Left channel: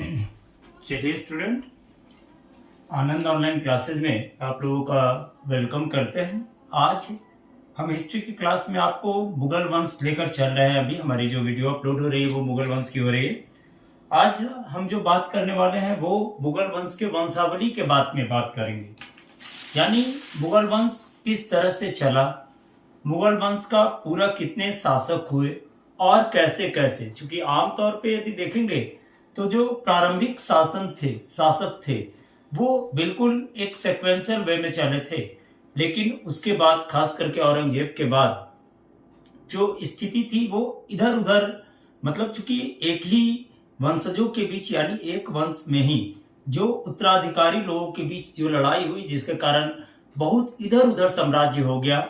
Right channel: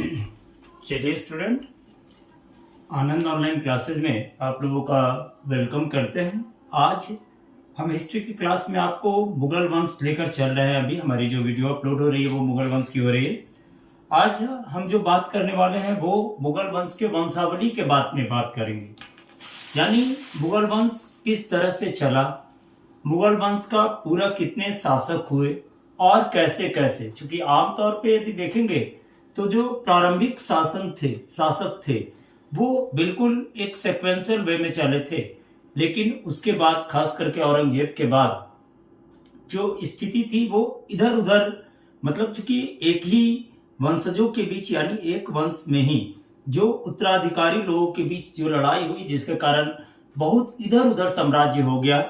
चलिए स्टूडेंट, आनंद online classes में आप लोगों का वेलकम करते हैं। आज हम हिस्ट्री की क्लास में आपको मुगल वंश लेकर चल रहे हैं। अभी हमारी जो वीडियो अपलोड हो रही है वो मुगल वंश की हो रही है। आज हम जो बात करने वाले हैं वो मुगल वंश के वंशावली के बारे में बात करेंगे, यानी मुगल वंश किस तरह से चला, मुगल वंश का पूरा कितने शासक हुए और कैसे कैसे। चूंकि आमतौर पे यदि देखेंगे तो जो प्रारंभिक शासक थे वो बिल्कुल एक सेक्वेंशियल वे में चले थे, लेकिन उसके बाद खास करके औरंगजेब के बाद जो स्थिति थी वो इधर उधर, मतलब चूंकि एक ही वंशजों के बीच यानी एक वंश में ही जो उत्तराधिकारी लोगों के बीच जो लड़ाई हुई, जिसके कारण बहुत इधर उधर साम्राज्य हो गया।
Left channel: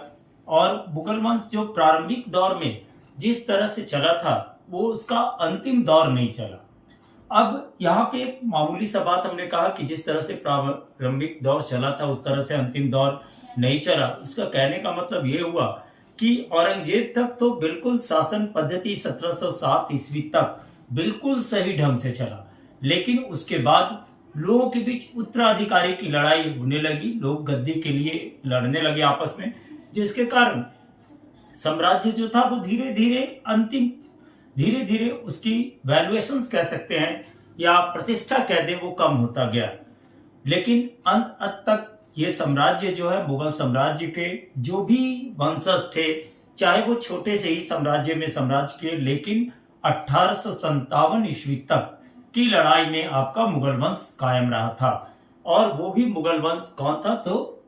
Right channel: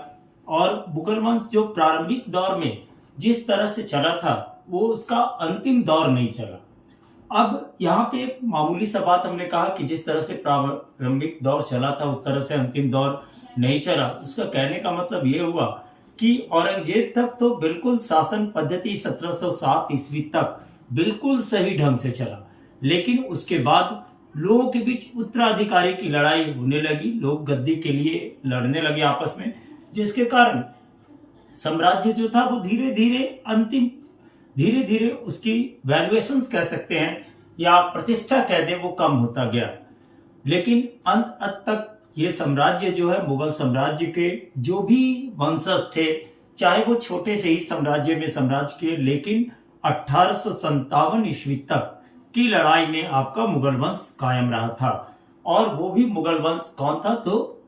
और मुगल वंश जो प्रारंभिक दौर में जिस तरह से चला था वो उसका अंतिम दौर नहीं चला। अब यहाँ पे एक मामूली सा बात हमने कहा कि जिस तरह से प्रारंभिक दौर चला था उस तरह से अंतिम दौर नहीं चला। उसका कहने का मतलब ये हुआ कि औरंगजेब तक तो बिल्कुल शासन पद्धति 1707 ईस्वी तक बिल्कुल सही ढंग से चला, लेकिन उसके बाद लोगों के बीच उत्तराधिकारी की लड़ाई होने लगी, लोग गद्दी के लिए लड़ने लगे आपस में, जिसके कारण साम्राज्य जो था वो धीरे धीरे उसकी वैल्यूएशंस कह सकते हैं या प्रतिष्ठा कह दे वो कम होता गया। लेकिन अंत तक ये साम्राज्य जो है, मुगल साम्राज्य के जो भी वंशज थे, चाहे वो छोटे से ही साम्राज्य के, लेकिन 1857 ईस्वी तक की लड़ाई में आपका मुगल वंश कायम रहा था। और वो भी मुगल वंश कौन था, तो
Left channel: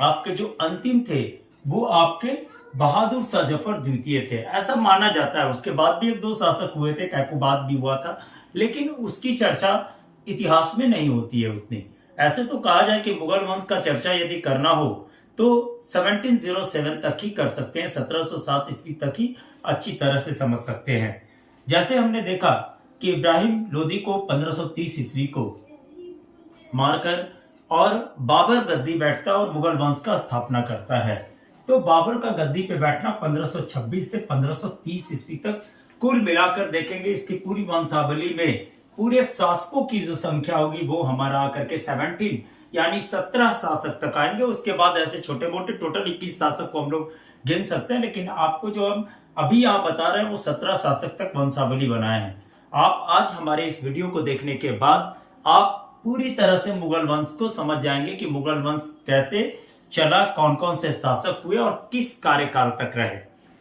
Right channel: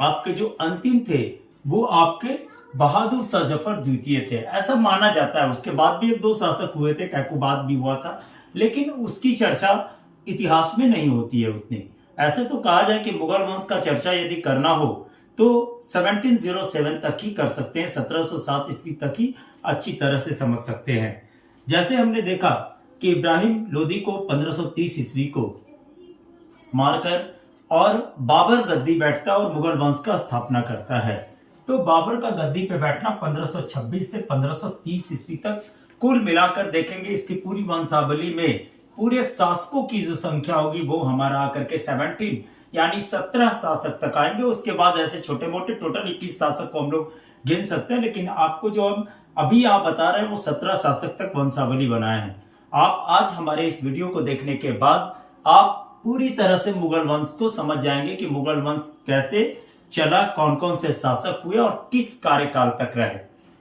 आपके जो अंतिम थे वो आपके बहादुर शाह जफर द्वितीय थे, ऐसा माना जाता है। उसके बाद भी एक दो शासक हुए थे, कैकुबाद भी हुआ था, लेकिन उसकी चर्चा इतिहास में नहीं होती है उतनी। ऐसे तो कहा जाए कि मुगल वंश का चर्चा यदि करना हो तो 1707 तक ही कर सकते हैं, 1707 ईस्वी तक ही अच्छी तरह से समझ सकते हैं। जैसे हमने देखा कि इब्राहिम लोदी को 1530 ईस्वी को मारकर और बाबर गद्दी बैठता और मुगल वंश का स्थापना करता है। तो बाबर का गद्दी पे बैठना 1526 से 1530 ईस्वी तक, कुल मिलाकर देखेंगे इसकी पूरी वंशावली में पूरे शासकों की जो संख्या होगी वो हमारा आकर के 17 यानी 17 शासक तक आएंगे। उसके बाद ऐसे छोटे मोटे टोटल 21 शासक को हम लोग गिन सकते हैं, लेकिन आपको जो हम अभी आप बता रहे हैं वो 17 शासक तक वंशावली बनाए हैं। आप आज हमारे इस वीडियो को देखने के बाद आप पूरी तरह से मुगल वंश को समझ जाएंगे कि मुगल वंश कैसे चला, कौन कौन से शासक हुए और किस कार्यकाल तक रहे।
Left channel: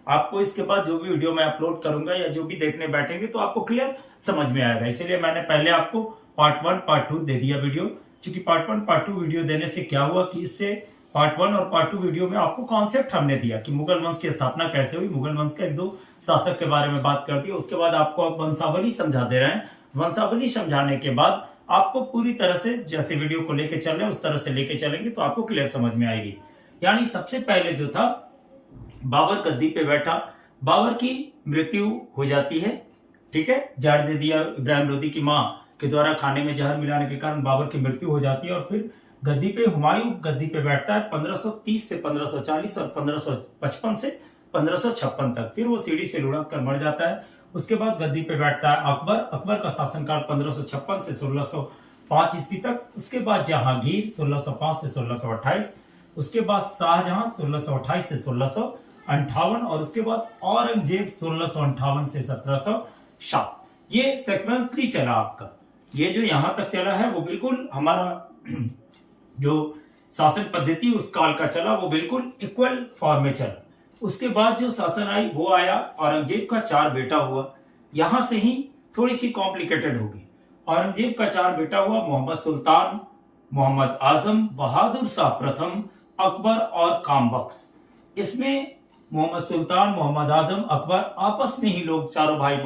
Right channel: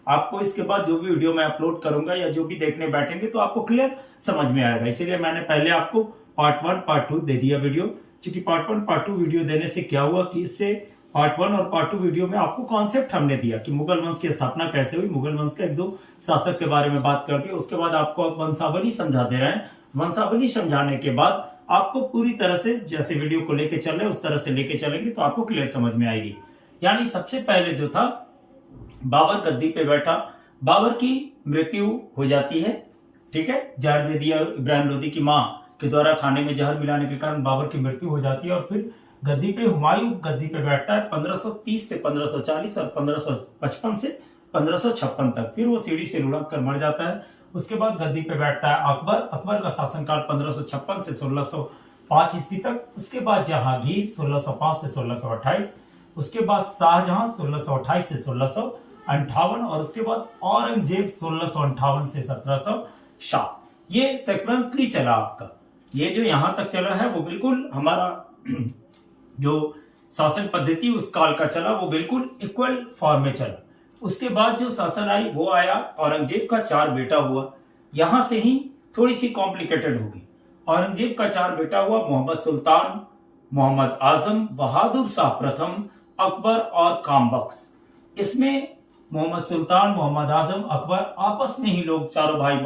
आपको इसके बाद जो भी वीडियो मैं अपलोड करूंगा या जो भी देखने बैठेंगे तो आपको क्लियर समझ में आएगा। इसीलिए मैंने पहले आपको पार्ट 1 पार्ट 2 दे दिया वीडियो, क्योंकि पार्ट 1 पार्ट 2 वीडियो देने से क्या हुआ कि इससे पार्ट 1 और पार्ट 2 वीडियो में आपको कॉन्सेप्ट हमने दिया कि मुगल वंश की स्थापना कैसे हुई, मुगल वंश के एक दो शासक के बारे में बात कर दी। उसके बाद आपको वंशावली समझा दे रहे हैं। वंशावली समझाने के बाद आपको पूरी तरह से जैसे वीडियो को लेके चल रहे हैं उस तरह से लेके चलेंगे तो आपको क्लियर समझ में आएगी। यानी सबसे पहले जो था, बाबर गद्दी पे बैठा, बाबर की मृत्यु हो जाती है, ठीक है, जहर दे दिया इब्राहिम लोदी की मां के द्वारा, खाने में जहर मिलाने के कारण बाबर की मृत्यु हो जाती है। और फिर गद्दी पे हुमायूं गद्दी पे बैठता है 1530 से 1540 और 1555 से 1556 तक। फिर वो सीढ़ी से लुढ़क कर मर जाता है। उसके बाद गद्दी पे बैठता है अकबर का शासनकाल 1556 से 1605 ईस्वी तक। उसके बाद जहांगीर 1605 से 1628, उसके बाद शाहजहां 1628 से 1658 और उसके बाद औरंगजेब 1658 से 1707। ये सेक्वेंसली चला आपका। ये जो यहां तक चला है वो बिल्कुल हमारा जो शासन पद्धति उस काल का चला वो बिल्कुल इक्वल फॉर्म में चला। उसके बाद जो शासन आई वो आया, औरंगजेब का 4 बेटा हुआ। यहां से ही थोड़ी सी कॉम्प्लिकेटेड होगी। औरंगजेब का 4 बेटा हुआ, मोहम्मद सुल्तान, मोहम्मद आजम, बहादुर शाह प्रथम, अकबर और कामबख्श। इसमें मोहम्मद सुल्तान, मोहम्मद आजम, अकबर आपस में ही लोग चारों भाई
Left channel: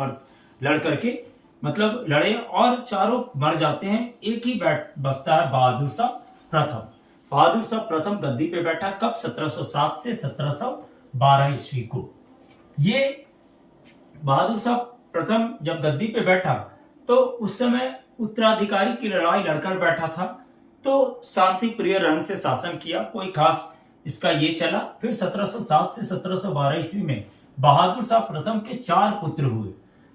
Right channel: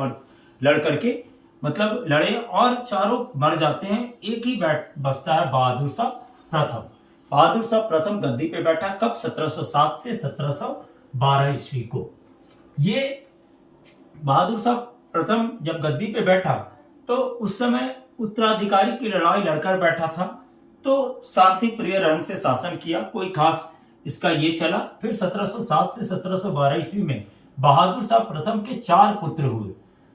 लड़ करके मतलब लड़े और चारों मर जाते हैं। एक ही बचता है बहादुर शाह प्रथम। बहादुर शाह प्रथम गद्दी पे बैठा कब, 1707 से 1712 ईस्वी को। ये बहादुर शाह प्रथम जब गद्दी पे बैठा तो उस समय उत्तराधिकारी की लड़ाई लड़कर बैठा था, तो शांति प्रिय रंग से शासन किया, कोई खास इसका ये चला। फिर 1707 से 1712 ईस्वी में बहादुर शाह प्रथम के 4 पुत्र हुए,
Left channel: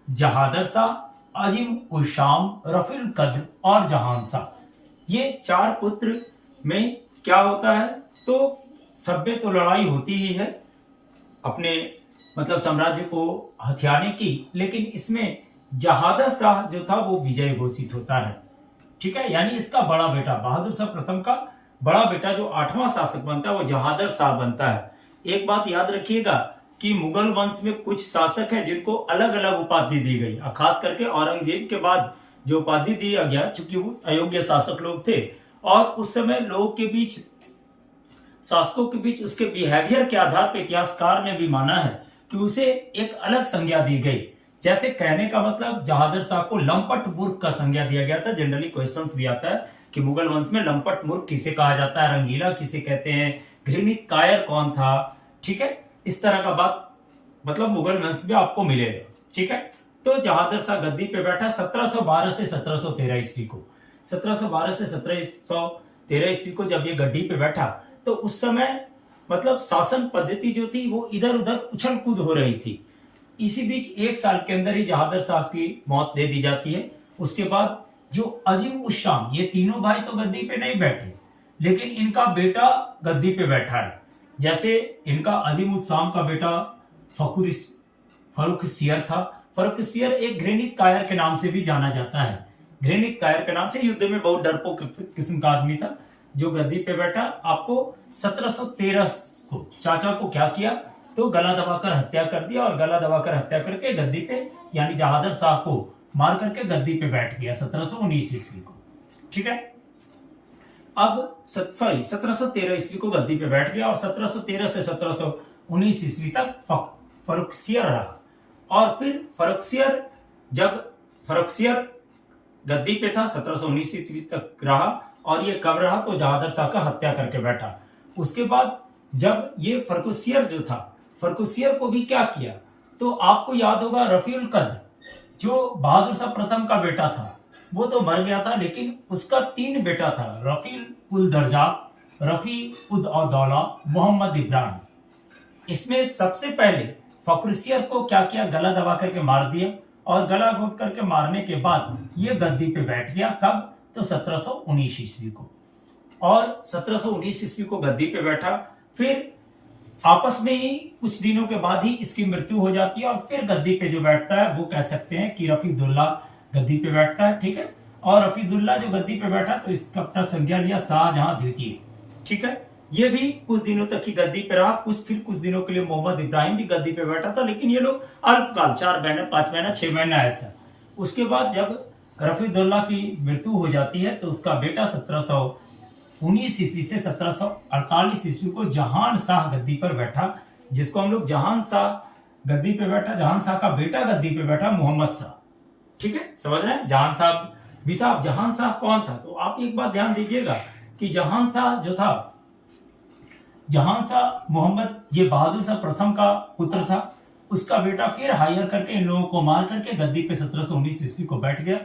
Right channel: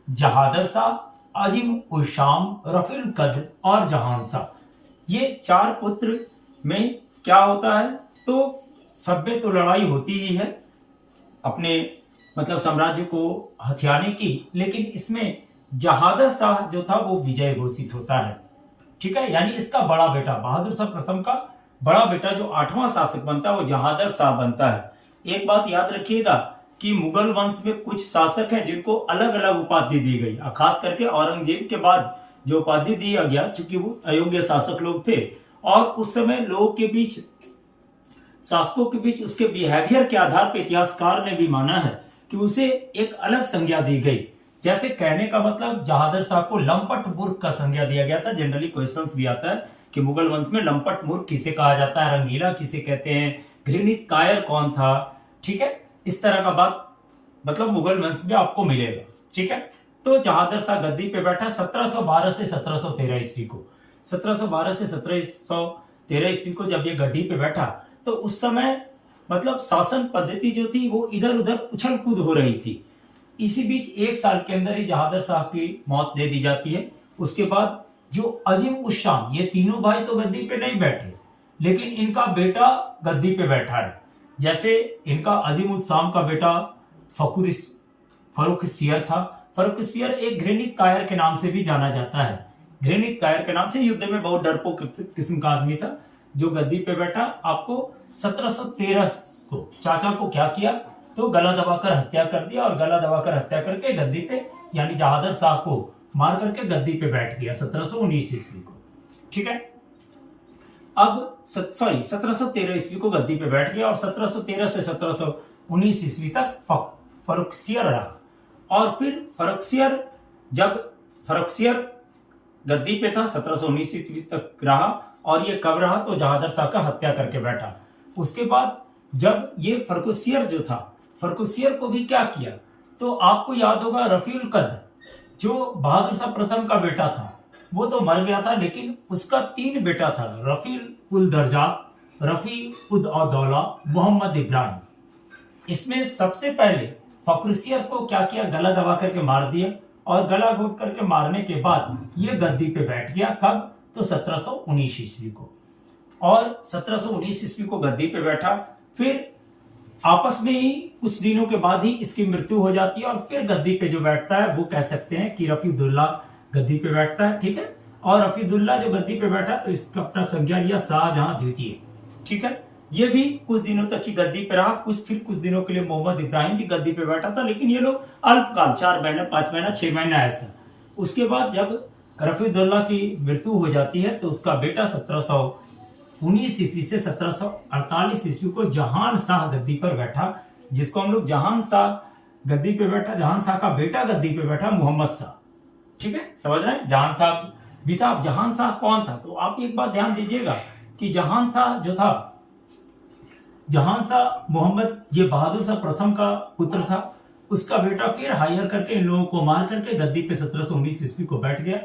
जहादर शाह, अजीम उल शाम, रफील कद्र और जहांशाह, ये 4 पुत्र में क्या होता है, तो सब में तो लड़ाई होती ही है अपने मतलब साम्राज्य को हथियाने की, लेकिन इसमें जहादर शाह जो था वो विजय घोषित होता है। ठीक है, यानी इसका बड़ा बेटा बहादुर शाह प्रथम का बड़ा बेटा जो 8वां शासक बनता है वो जहादर शाह बनता है। एक बात याद रखिएगा कि मुगल वंश में कुछ शासक हैं जिनको अलग अलग उपाधि दी गई, खास करके औरंगजेब के बाद जो उपाधि दिया गया, चूंकि वो अयोग्य शासक लोग थे और उस समय लोगों के बीच, शासकों के बीच उसके बिहेवियर के आधार पर इतिहासकार ने भी माना है कि उसे एक अलग संज्ञा दी गई। जैसे कहने का मतलब जहादर शाह को लंपट मूर्ख का संज्ञा दिया गया था। जनरली क्वेश्चंस भी आता है कि मुगल वंश में लंपट मूर्ख किसे कहा जाता है, रंगीला किसे कहते हैं, घृणित कायर कौन था। ठीक है, इस तरह का बात मतलब मुगल वंश में आपको मिलेगा। ठीक है, तो जहादर शाह गद्दी पे बैठा 1712 से 1713 ईस्वी को। 1712 से 1713 ईस्वी को जब ये गद्दी पे बैठा तो उस समय मतलब शासन पद्धति जो थी वो इधर उधर उछल कूद हो रही थी। इसी बीच 1 साल के अंदर ही जहादर शाह की मौत दे दी जाती है। उसके बाद जो अजीम उस शाम, ये तीनों भाई तो गद्दी पे नहीं बैठे, लेकिन इनका बेटा गद्दी पे बैठा है। जैसे इनका अजीम उस शाम का बेटा फर्रुखसियर था। फर्रुखसियर एक घृणित कायर के नाम से भी जाना जाता है। घृणित कायर के नाम से युद्ध में बहुत डरपोक किस्म का आदमी था जो गद्दी पे बैठा। आपको 1713 को चाचा को क्या किया, तो गला दबाकर हत्या कर दिया और गला दबाकर हत्या करके गद्दी पे यानी जहादर शाह को मार करके गद्दी पे बैठ गया 1719 ईस्वी को। ठीक है, अब 1713 ईस्वी को गद्दी पे बैठ गया और 1713 से 1719 ईस्वी तक फर्रुखसियर रहा। और फिर फर्रुखसियर गद्दी पे था 1719 ईस्वी तक रहा और ये कब रहा, तो जहादर शाह का हत्या करके बैठा। उसके बाद जब ये फर्रुखसियर जो था, फर्रुखसियर को भी क्या किया, तो आपको याद होगा रफील कद्र जो बहादुर शाह प्रथम का बेटा था वो तो मर गया था, लेकिन उसका 3 बेटा था, रफील उल दर्जात, रफी उद औदौला, मोहम्मद इब्राहिम। इसमें सबसे पहले फर्रुखसियर को क्या किया, गला दबा करके मार दिया और गला घोट करके मारने के बाद ये गद्दी पे बैठ गया। कब, तो 1719 ईस्वी को। और 1719 ईस्वी को गद्दी पे बैठा, फिर आपस में ही कुछ दिनों के बाद ही इसकी मृत्यु हो जाती है और फिर गद्दी पे जो बैठता है वो कह सकते हैं कि रफीदुल्ला गद्दी पे बैठता है। ठीक है, और रफीदुल्ला जो गद्दी पे बैठा तो इसका अपना संज्ञा लिया शाहजहां द्वितीय। ठीक है, ये भी कुछ दिनों तक ही गद्दी पे रहा। फिर कुछ दिनों के लिए मोहम्मद इब्राहिम भी गद्दी पे बैठा था, लेकिन ये लोग अल्पकाल 4 महीना 5 महीना 6 महीना ऐसा। उसके बाद जब रफीदुल्ला की मृत्यु हो जाती है तो उसका बेटा 1719 ईस्वी से 1748 ईस्वी को जहान शाह गद्दी पर बैठा, जिसको हम लोग जहान शाह गद्दी पे बैठा, जहान शाह का बेटा गद्दी पे बैठा मोहम्मद शाह। ठीक है, समझ रहे हैं, जहान शाह भी था। जहान शाह कौन था, तो आप एक बात ध्यान दीजिएगा कि जहान शाह जो था, जहान शाह मोहम्मद ये बहादुर शाह प्रथम का पुत्र था। उसका बेटा फिर हायर करके इन लोगों को मार करके गद्दी पे 1719 ईस्वी को बैठ गया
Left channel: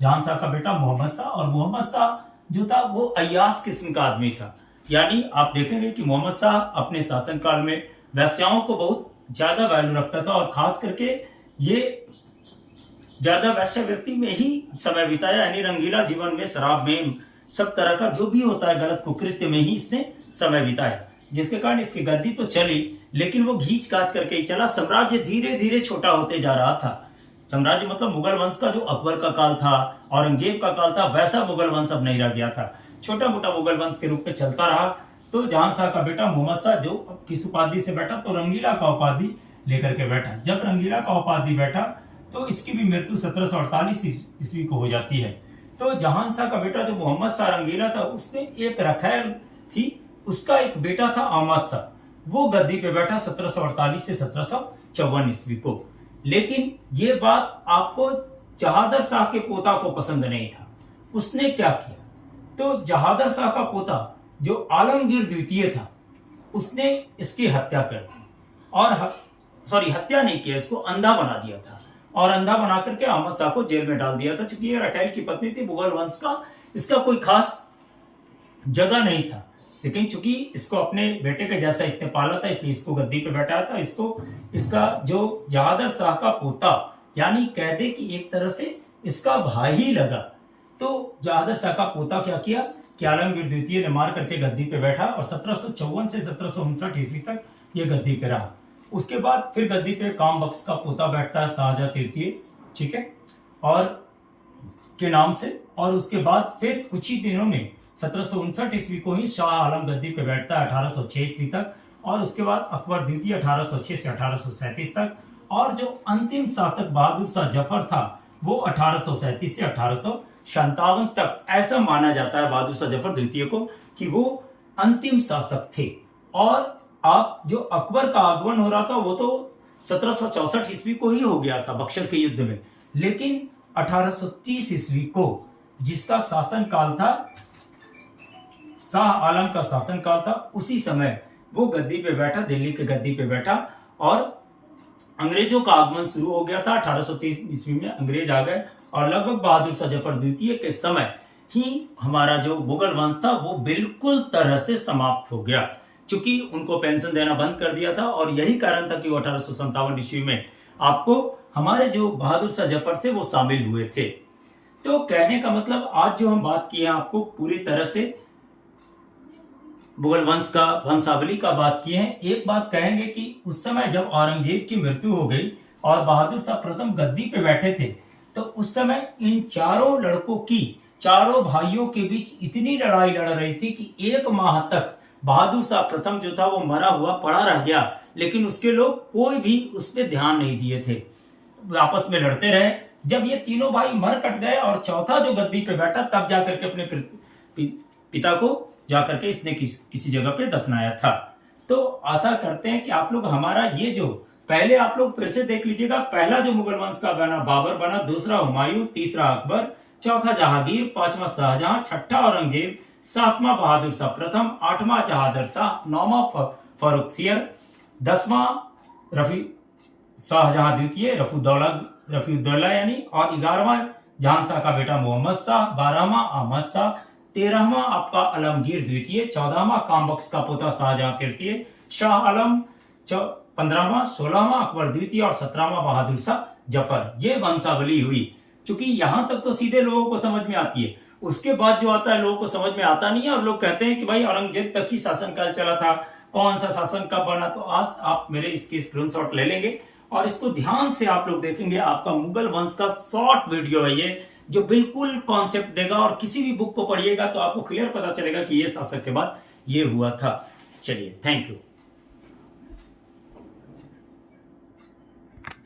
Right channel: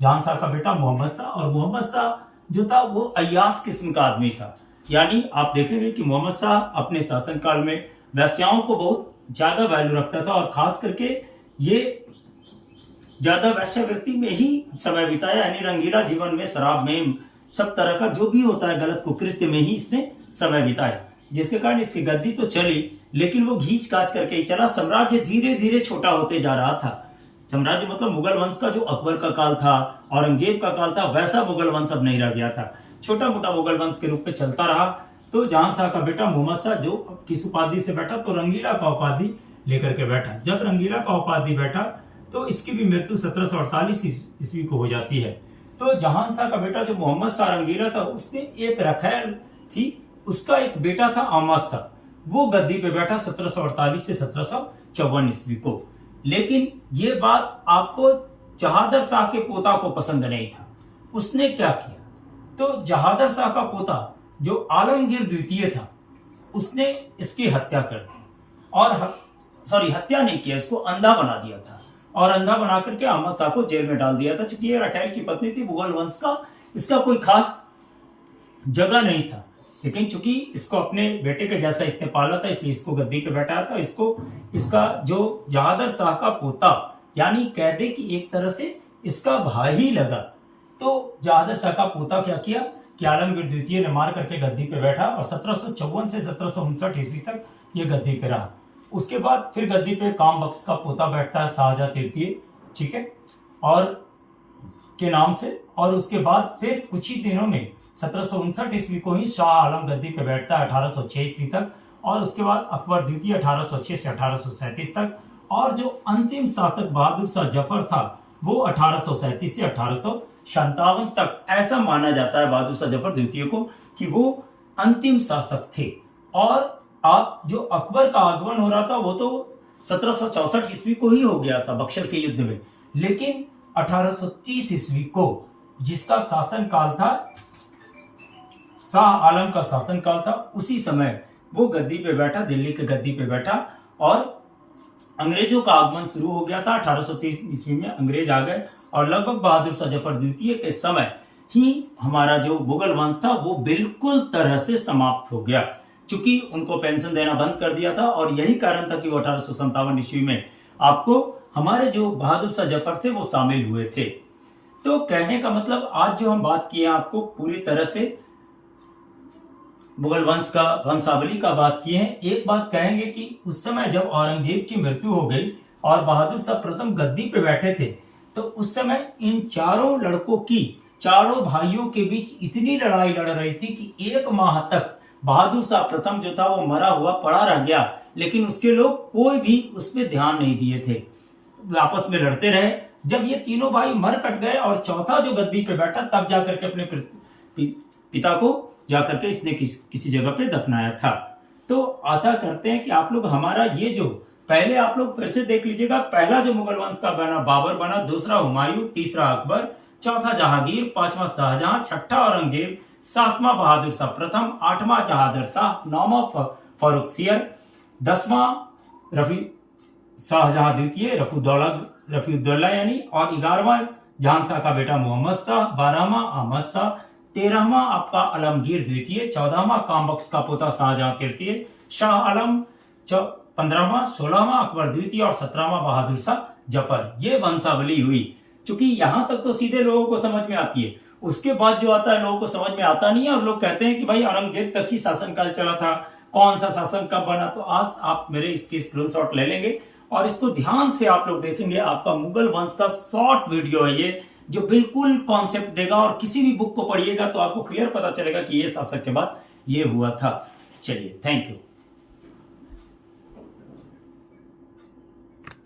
जहान शाह का बेटा मोहम्मद शाह। और मोहम्मद शाह जो था वो अय्याश किस्म का आदमी था, यानी आप देखेंगे कि मोहम्मद शाह अपने शासनकाल में वैश्याओं को बहुत ज्यादा वैल्यू रखता था और खास करके ये ज्यादा वैश्यावृत्ति में ही समय बिताया, यानी रंगीला जीवन में, शराब में, सब तरह का जो भी होता है गलत कुकृत्य में ही इसने समय बिताया, जिसके कारण इसकी गद्दी तो चली लेकिन वो घींच काच करके ही चला। साम्राज्य धीरे धीरे छोटा होते जा रहा था। साम्राज्य मतलब मुगल वंश का जो अकबर का काल था, औरंगजेब का काल था, वैसा मुगल वंश अब नहीं रह गया था। छोटा मोटा मुगल वंश के रूप में चलता रहा। तो जहां शाह का बेटा मोहम्मद शाह जो किस उपाधि से बैठा, तो रंगीला का उपाधि लेकर के बैठा। जब रंगीला का उपाधि बैठा तो इसकी भी मृत्यु 1748 ईस्वी को हो जाती है। तो जहां शाह का बेटा जो मोहम्मद शाह रंगीला था, उसने एक रखैल थी, उसका एक बेटा था अहमद शाह, वो गद्दी पे बैठा 1748 से 1754 ईस्वी को। लेकिन ये बात आपको जहादर शाह के पोता को पसंद नहीं था। उसने क्या किया, तो जहादर शाह का पोता जो आलमगीर द्वितीय था, उसने इसकी हत्या कर दी और हत्या नहीं किया, इसको अंधा बना दिया था और अंधा बना करके अहमद शाह को जेल में डाल दिया था। चूंकि ये रखैल की पत्नी थी, मुगल वंश का इसका कोई खास जगह नहीं था, लेकिन चूंकि इसको अपने बेटे के जैसा इसने पाला था इसलिए इसको गद्दी पे बैठाया था। इसका जो जहादर शाह का पोता, यानी कह दे कि एक तरह से इसका भाई ही लगा। तो जहादर शाह का पोता क्या किया कि आलमगीर द्वितीय ने मार करके गद्दी पे बैठा और 1754 से 1759 ईस्वी तक ये गद्दी पे रहा। उसके बाद फिर गद्दी पे काम बख्श का पोता बैठता है शाहजहां तृतीय, ठीक है, और के नाम से। और उसके बाद फिर कुछ ही दिनों में 1759 ईस्वी को ही शाह आलम गद्दी पे बैठता है 1806 ईस्वी तक। और उसके बाद अकबर द्वितीय 1806 से 1837 तक। और जो अंतिम शासक बहादुर शाह जफर था वो 1837 से 1857 तक। ऐसा माना जाता है बहादुर शाह जफर द्वितीय को कि वो अंतिम शासक थे। और आप जो अकबर का आगमन हो रहा था वो तो 1764 ईस्वी को ही हो गया था बक्सर के युद्ध में, लेकिन 1830 ईस्वी को जिसका शासन काल था, शाह आलम का शासन काल था, उसी समय वो गद्दी पे बैठा, दिल्ली के गद्दी पे बैठा और अंग्रेजों का आगमन शुरू हो गया था। 1830 ईस्वी में अंग्रेज आ गए और लगभग बहादुर शाह जफर द्वितीय के समय ही हमारा जो मुगल वंश था वो बिल्कुल तरह से समाप्त हो गया, क्योंकि उनको पेंशन देना बंद कर दिया था। और यही कारण था कि वो 1857 ईस्वी में आपको हमारे जो बहादुर शाह जफर थे वो शामिल हुए थे। तो कहने का मतलब आज जो हम बात किए आपको पूरी तरह से मुगल वंश का वंशावली का बात किए हैं। एक बात कहेंगे कि उस समय जब औरंगजेब की मृत्यु हो गई और बहादुर शाह प्रथम गद्दी पे बैठे थे, तो उस समय इन चारों लड़कों की, चारों भाइयों के बीच इतनी लड़ाई लड़ रही थी कि 1 माह तक बहादुर शाह प्रथम जो था वो मरा हुआ पड़ा रह गया, लेकिन उसके लोग कोई भी उस पर ध्यान नहीं दिए थे, आपस में लड़ते रहे। जब ये तीनों भाई मर कट गए और चौथा जो गद्दी पे बैठा तब जाकर के अपने पिता को जाकर के इसने किसी जगह पे दफनाया था। तो आशा करते हैं कि आप लोग हमारा ये जो पहले आप लोग फिर से देख लीजिएगा। पहला जो मुगल वंश का बना बाबर बना, दूसरा हुमायूं, तीसरा अकबर, चौथा जहांगीर, पांचवा शाहजहां, छठा औरंगजेब, सातवां बहादुर शाह प्रथम, आठवां जहादर शाह, नौवां फर्रुखसियर, 10वां रफी शाहजहां द्वितीय रफीउद्दौला यानी, और 11वां जहांशाह का बेटा मोहम्मद शाह, 12वां अहमद शाह, 13वां आपका आलमगीर द्वितीय, 14वां कामबख्श का पोता शाहजहां तृतीय, शाह आलम 15वां, 16वां अकबर द्वितीय और 17वां बहादुर शाह जफर। ये वंशावली हुई। क्योंकि यहां तक तो सीधे लोगों को समझ में आती है, उसके बाद जो आता है लोगों को समझ में आता नहीं है और लोग कहते हैं कि भाई औरंगजेब तक ही शासनकाल चला था, कौन सा शासन कब बना। तो आज आप मेरे इसके स्क्रीनशॉट ले लेंगे और इसको ध्यान से आप लोग देखेंगे। आपका मुगल वंश का शॉर्ट वीडियो है ये, जो बिल्कुल कॉन्सेप्ट देगा और किसी भी बुक को पढ़िएगा तो आपको क्लियर पता चलेगा कि ये शासक के बाद ये हुआ था। चलिए, थैंक यू।